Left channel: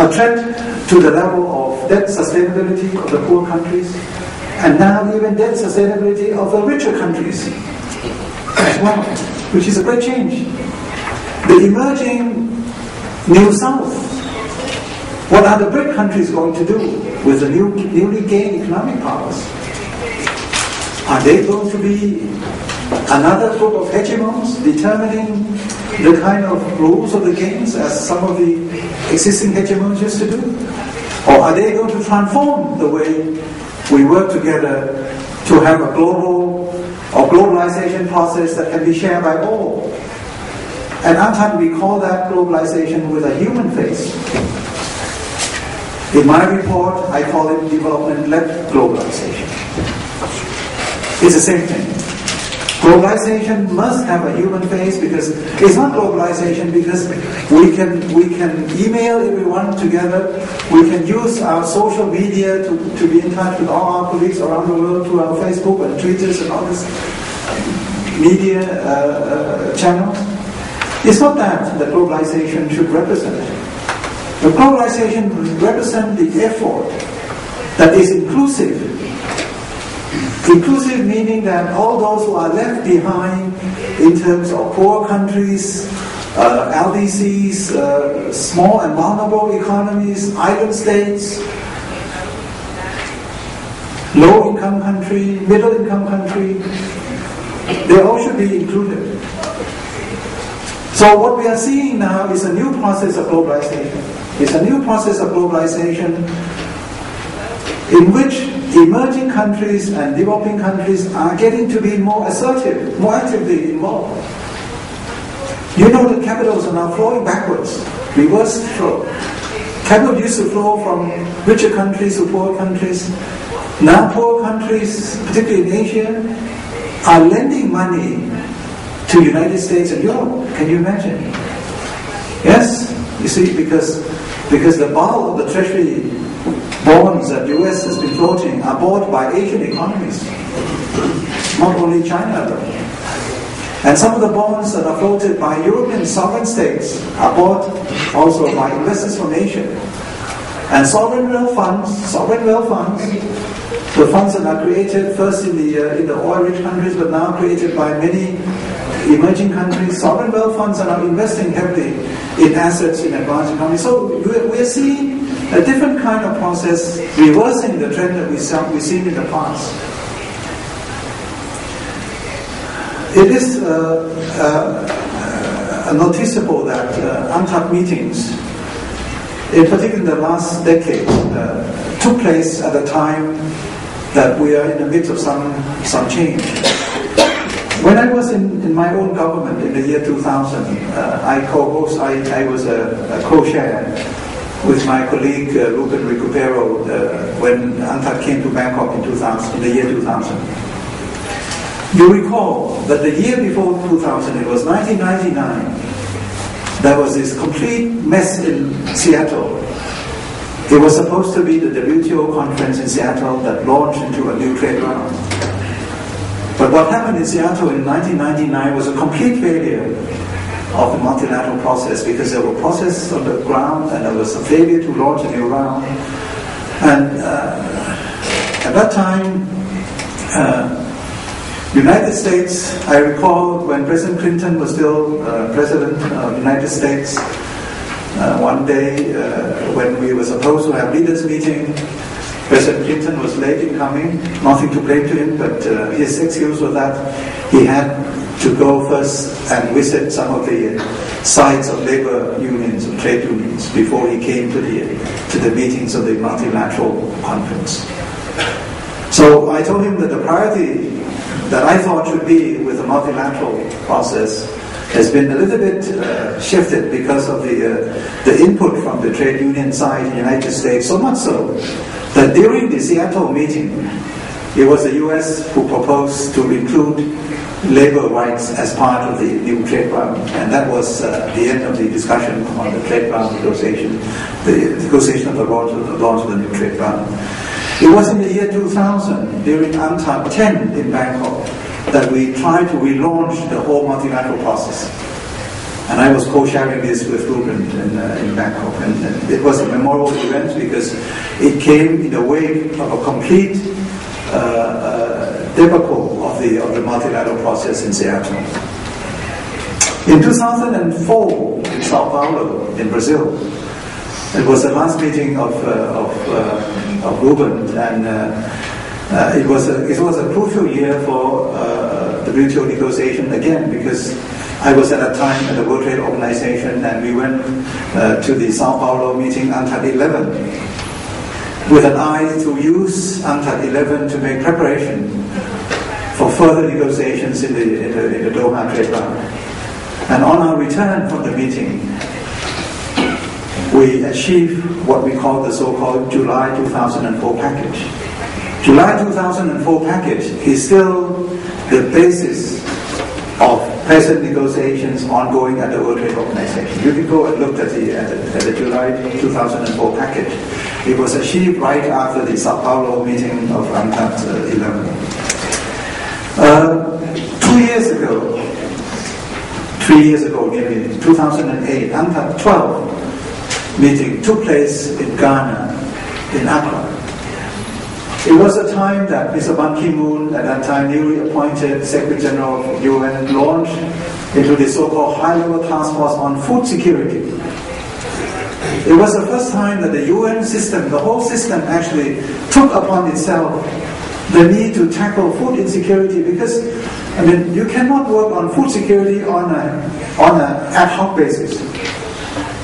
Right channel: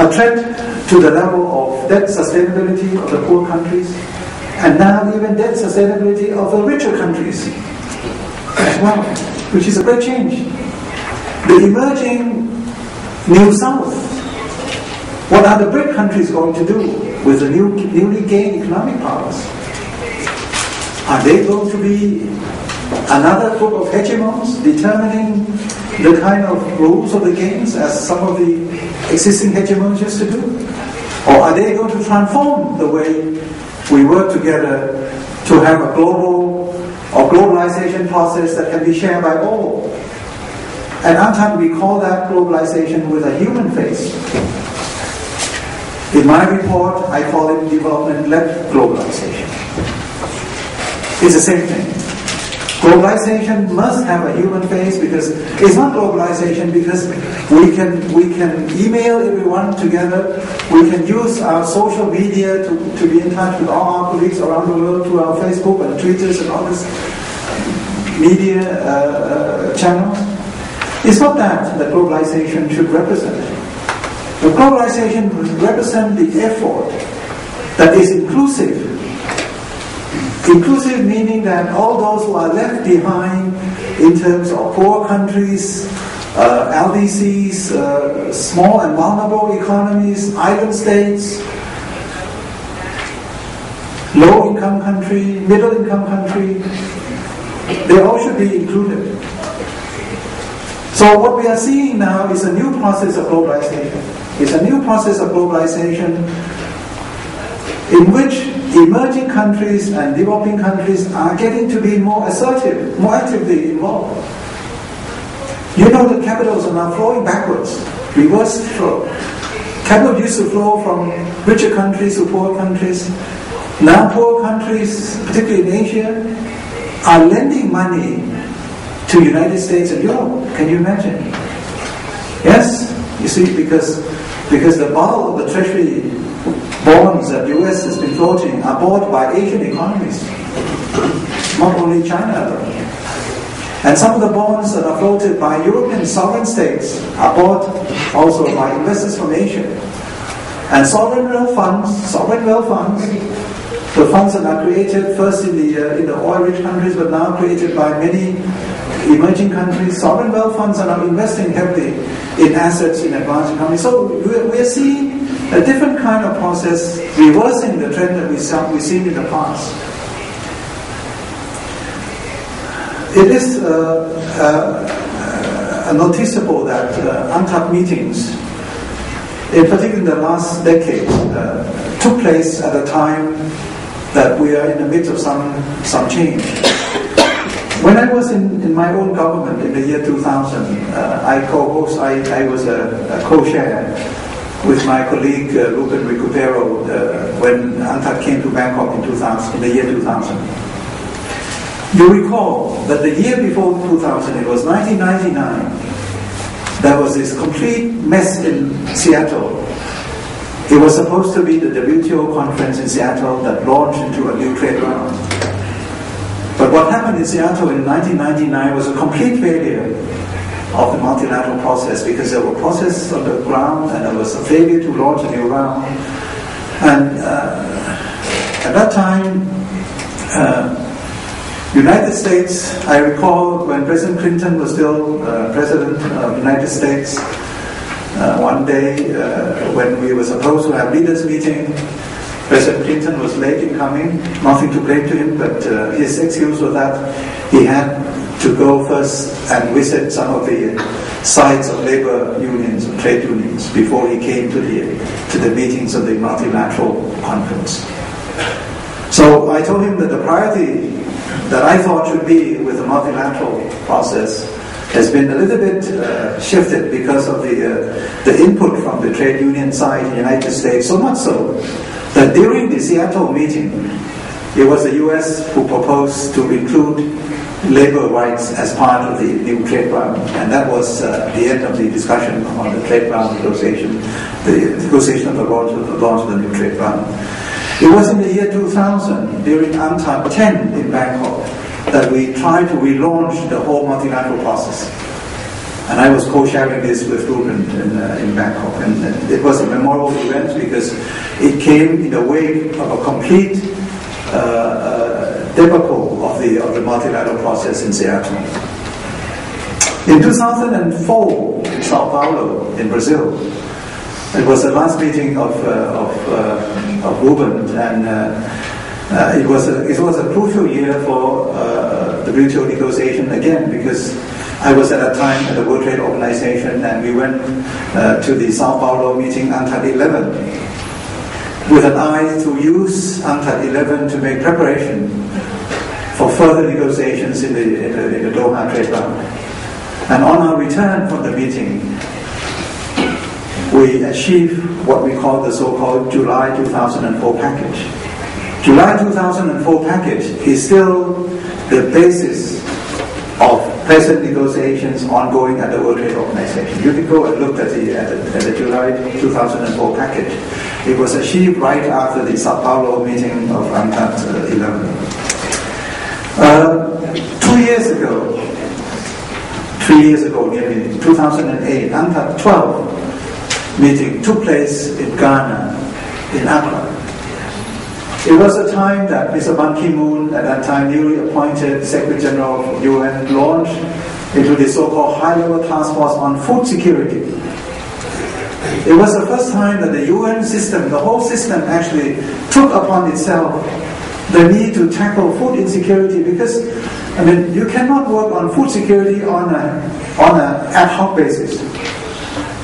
a threat to the level of debt sustainability of the poor countries, and now even debt sustainability of the richer countries as well, which is a great change. The emerging New South, what are the BRIC countries going to do with the newly gained economic powers? Are they going to be another group of hegemons determining the kind of rules of the games as some of the existing hegemons used to do? Or are they going to transform the way we work together to have a global or globalization process that can be shared by all? And UNCTAD, we call that globalization with a human face. In my report, I call it development-led globalization. It's the same thing. Globalization must have a human face, because it's not globalization because we can email everyone together, we can use our social media to be in touch with all our colleagues around the world through our Facebook and Twitters and all this media channels. It's not that globalization should represent. But globalization represents the effort that is inclusive. Inclusive meaning that all those who are left behind in terms of poor countries, LDCs, small and vulnerable economies, island states, low-income country, middle-income country, they all should be included. So what we are seeing now is a new process of globalization. It's a new process of globalization in which emerging countries and developing countries are getting to be more assertive, more actively involved. You know that capitals are now flowing backwards, reverse flow. Capital used to flow from richer countries to poor countries. Now poor countries, particularly in Asia, are lending money to the United States and Europe. Can you imagine? Yes, you see, because the bulk of the treasury bonds that the US has been floating are bought by Asian economies, not only China. And some of the bonds that are floated by European sovereign states are bought also by investors from Asia. And sovereign wealth funds, the funds that are created first in the oil-rich countries, but now created by many emerging countries, sovereign wealth funds are now investing heavily in assets in advanced economies. So we are seeing a different kind of process, reversing the trend that we've seen in the past. It is noticeable that UNCTAD meetings, in particular in the last decade, took place at a time that we are in the midst of some change. When I was in my own government in the year 2000, I was a co-chair with my colleague Ruben Recupero when UNCTAD came to Bangkok in the year 2000. You recall that the year before 2000, it was 1999, there was this complete mess in Seattle. It was supposed to be the WTO conference in Seattle that launched into a new trade round. But what happened in Seattle in 1999 was a complete failure of the multilateral process, because there were processes on the ground and there was a failure to launch a new round. And at that time, United States, I recall when President Clinton was still President of the United States, one day when we were supposed to have leaders meeting, President Clinton was late in coming, nothing to blame to him, but his excuse was that he had to go first and visit some of the sites of labor unions or trade unions before he came to the meetings of the multilateral conference. So I told him that the priority that I thought should be with the multilateral process has been a little bit shifted because of the input from the trade union side in the United States, so much so that during the Seattle meeting, it was the US who proposed to include labor rights as part of the new trade round, and that was the end of the discussion on the trade round negotiation, the negotiation of the launch of the new trade round. It was in the year 2000, during UNCTAD 10 in Bangkok, that we tried to relaunch the whole multilateral process. And I was co-chairing this with Ruben in Bangkok. And it was a memorable event because it came in the wake of a complete debacle of the multilateral process in Seattle. In 2004, in Sao Paulo, in Brazil, it was the last meeting of Ruben, and it was a crucial year for the WTO negotiation again, because I was at that time at the World Trade Organization, and we went to the Sao Paulo meeting, UNCTAD 11, with an eye to use UNCTAD 11 to make preparation for further negotiations in the Doha trade round. And on our return from the meeting, we achieved what we call the so-called July 2004 package. July 2004 package is still the basis of present negotiations ongoing at the World Trade Organization. You can go and look at the July 2004 package. It was achieved right after the Sao Paulo meeting of UNCTAD 11. 2 years ago, 3 years ago, nearly 2008, UNCTAD 12 meeting took place in Ghana, in Accra. It was a time that Mr. Ban Ki-moon, at that time newly appointed Secretary General of UN, launched into the so-called high-level task force on food security. It was the first time that the UN system, the whole system actually took upon itself the need to tackle food insecurity, because you cannot work on food security on an ad hoc basis.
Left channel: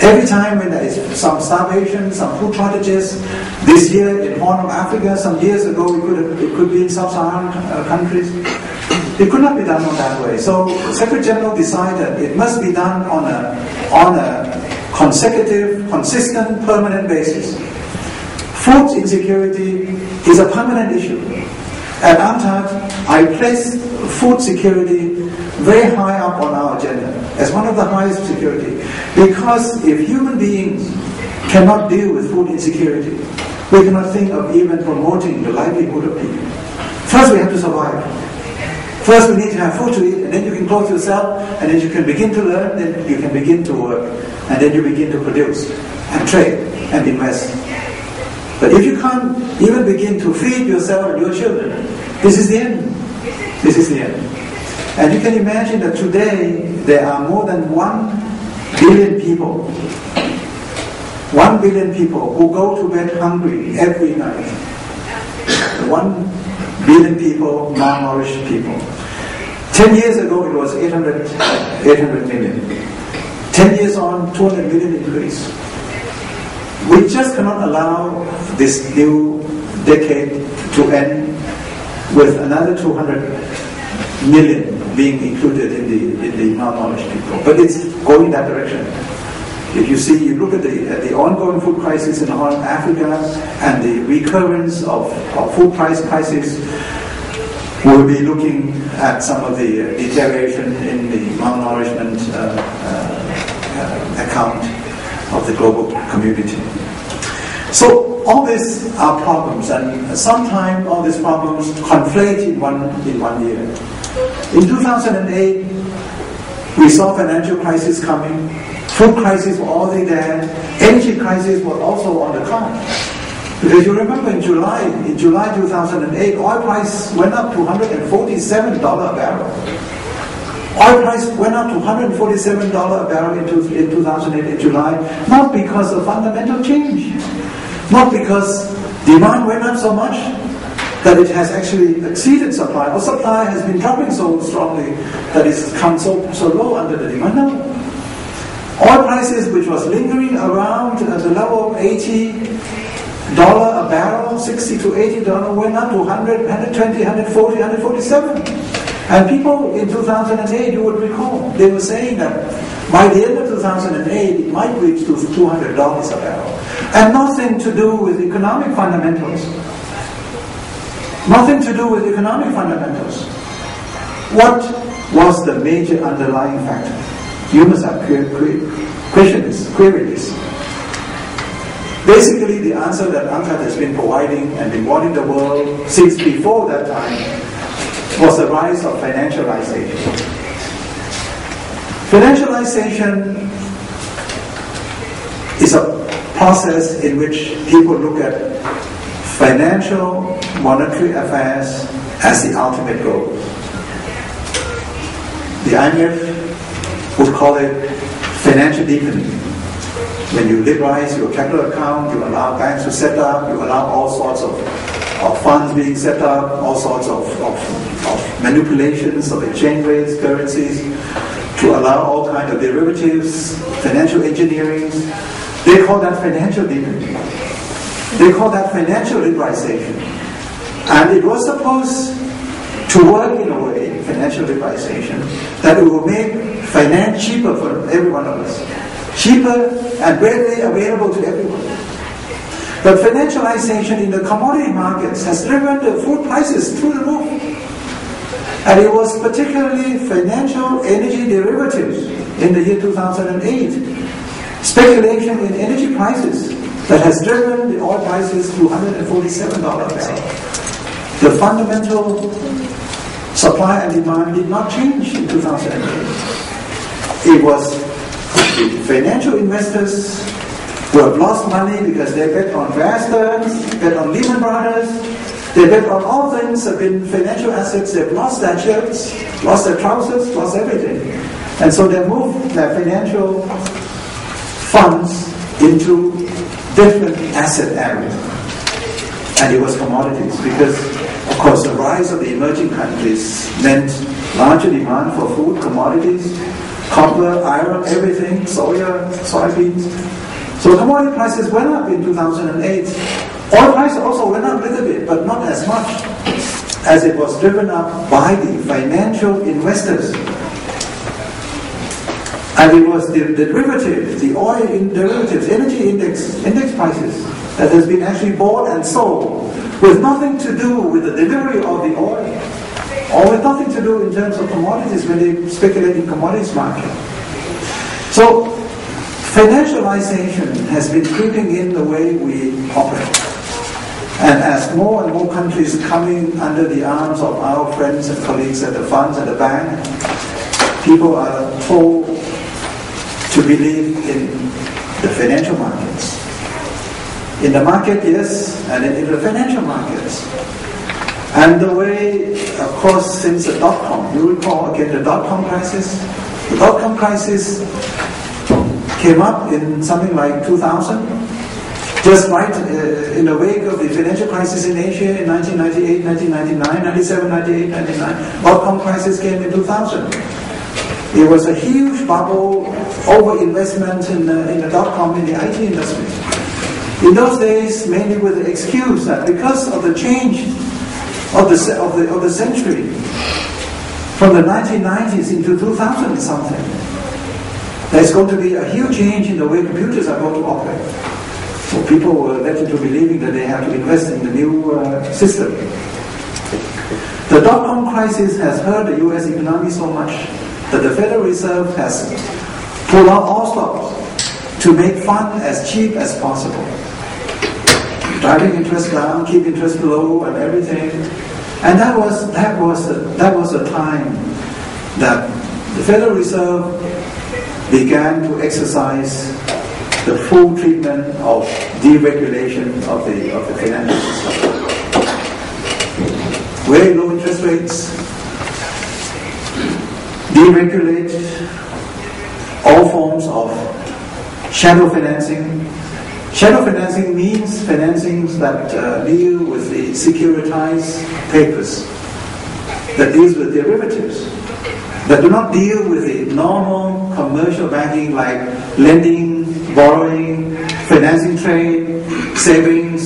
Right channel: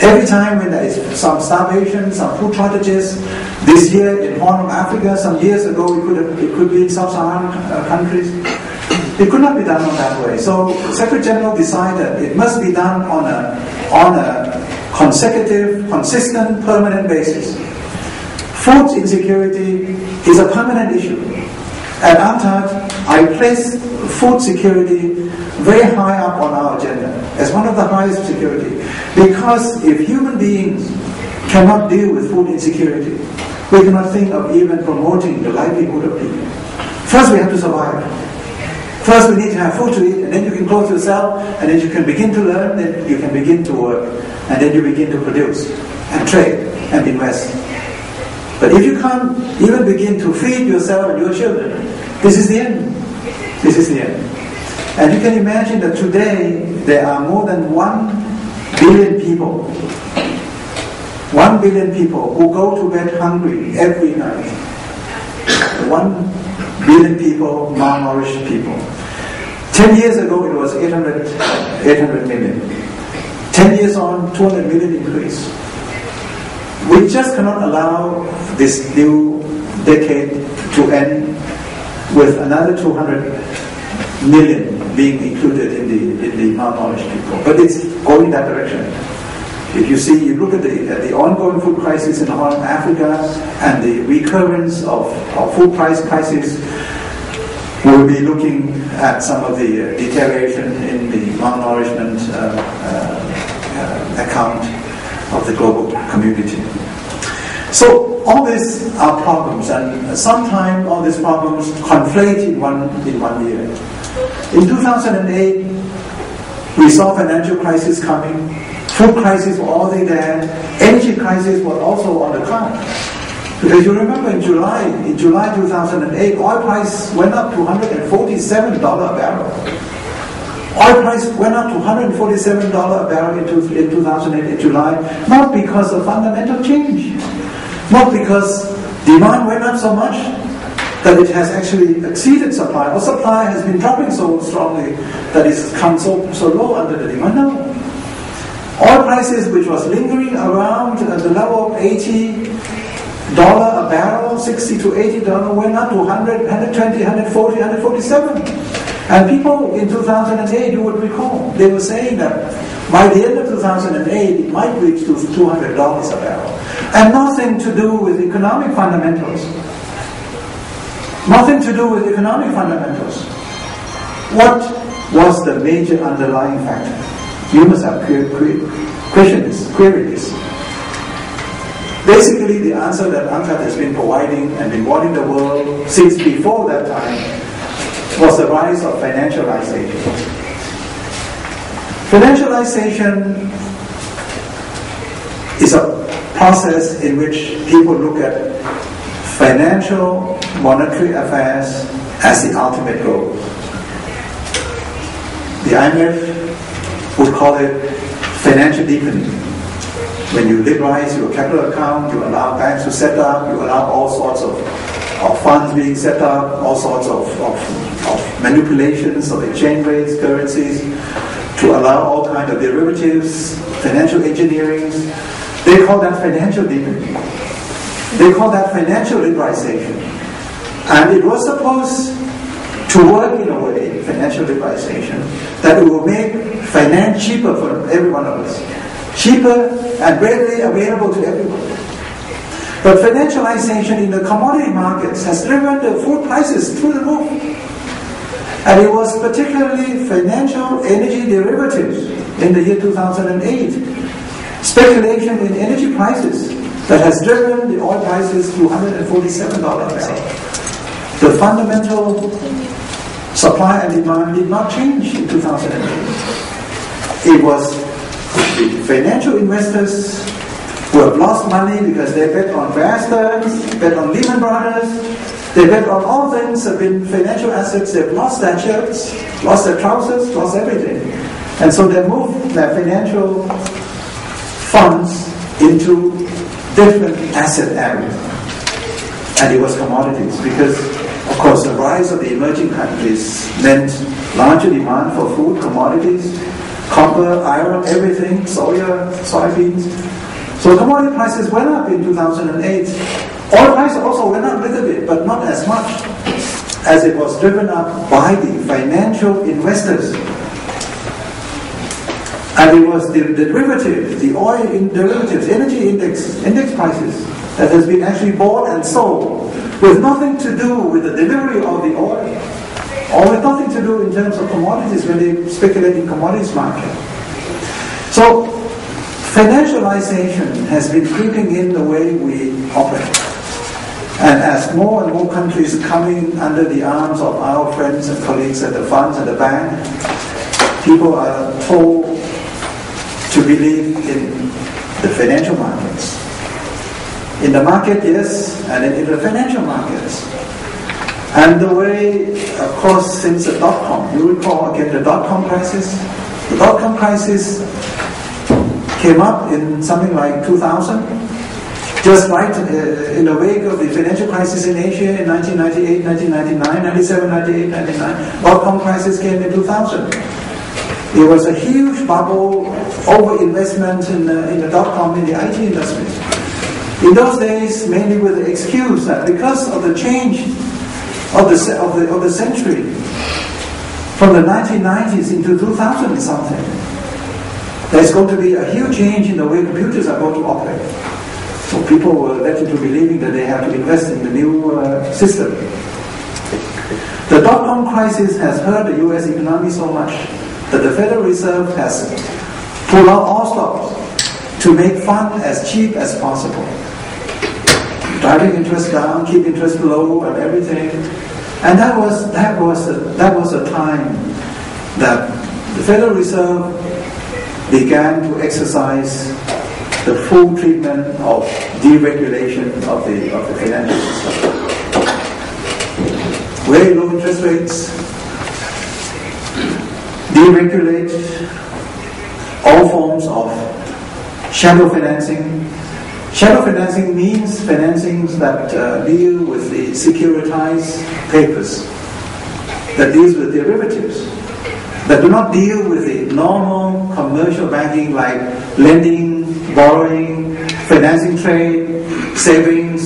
Every time when there is some starvation, some food shortages, this year in Horn of Africa, some years ago it could be in sub-Saharan countries, it could not be done on that way. So Secretary General decided it must be done on a consecutive, consistent, permanent basis. Food insecurity is a permanent issue. At UNCTAD, I placed food security very high up on our agenda, as one of the highest security. Because if human beings cannot deal with food insecurity, we cannot think of even promoting the livelihood of people. First we have to survive. First we need to have food to eat, and then you can clothe yourself, and then you can begin to learn, then you can begin to work, and then you begin to produce, and trade, and invest. But if you can't even begin to feed yourself and your children, this is the end. This is the end. And you can imagine that today there are more than 1 billion people. 1 billion people who go to bed hungry every night. 1 billion people, malnourished people. 10 years ago it was 800 million. 10 years on, 200 million increase. We just cannot allow this new decade to end with another 200 million being included in the malnourished people. But it's going that direction. If you look at the ongoing food crisis in Horn of Africa and the recurrence of food price crisis, we'll be looking at some of the deterioration in the malnourishment account of the global community. So all these are problems, and sometimes all these problems conflate in one year. In 2008, we saw financial crisis coming, food crisis were already there, energy crisis was also on the card. Because you remember in July 2008, oil price went up to $147 a barrel. Oil price went up to $147 a barrel in 2008 in July, not because of fundamental change, not because demand went up so much that it has actually exceeded supply, or supply has been dropping so strongly that it's come so low under the demand. No. Oil prices, which was lingering around at the level of $80 a barrel, $60 to $80, went up to 100, 120, 140, 147. And people in 2008, you would recall, they were saying that by the end of 2008, it might reach to $200 a barrel. And nothing to do with economic fundamentals. Nothing to do with economic fundamentals. What was the major underlying factor? You must have queried this. Basically, the answer that UNCTAD has been providing and been warning the world since before that time was the rise of financialization. Financialization is a process in which people look at financial monetary affairs as the ultimate goal. The IMF would call it financial deepening. When you liberalize your capital account, you allow banks to set up, you allow all sorts of funds being set up, all sorts of manipulations of exchange rates, currencies, to allow all kinds of derivatives, financial engineering. They call that financial deepening. They call that financial liberalization. And it was supposed to work in a way, financial liberalization, that it will make finance cheaper for every one of us. Cheaper and readily available to everyone. But financialization in the commodity markets has driven the food prices through the roof. And it was particularly financial energy derivatives in the year 2008. Speculation in energy prices that has driven the oil prices to $147 a barrel. The fundamental supply and demand did not change in 2008. It was the financial investors who have lost money because they bet on Bear Stearns, bet on Lehman Brothers, they bet on all things have been financial assets. They've lost their shirts, lost their trousers, lost everything. And so they moved their financial funds into different asset areas. And it was commodities because, of course, the rise of the emerging countries meant larger demand for food, commodities, copper, iron, everything, soya, soybeans. So commodity prices went up in 2008. Oil prices also went up a little bit, but not as much as it was driven up by the financial investors. And it was the derivatives, the oil derivatives, energy index prices that has been actually bought and sold with nothing to do with the delivery of the oil, or with nothing to do in terms of commodities when they speculate in commodities market. So financialization has been creeping in the way we operate. And as more and more countries coming under the arms of our friends and colleagues at the funds and the bank, people are told to believe in the financial markets. In the market, yes, and in the financial markets. And the way, of course, since the dot-com, you recall again the dot-com crisis? The dot-com crisis came up in something like 2000, just right in the wake of the financial crisis in Asia in 1998, 1999, 97, 98, 99. Dot-com crisis came in 2000. It was a huge bubble, over-investment in the dot-com, in the IT industry. In those days, mainly with the excuse that because of the change of the century, from the 1990s into 2000 and something, there's going to be a huge change in the way computers are going to operate. So people were led into believing that they have to invest in the new system. The dot-com crisis has hurt the US economy so much that the Federal Reserve has pulled out all stops to make fund as cheap as possible. Driving interest down, keep interest low and everything. And that was a time that the Federal Reserve began to exercise the full treatment of deregulation of the financial system. Very low interest rates, deregulate all forms of shadow financing. Shadow financing means financings that deal with the securitized papers, that deals with derivatives, that do not deal with the normal commercial banking like lending, borrowing, financing trade, savings,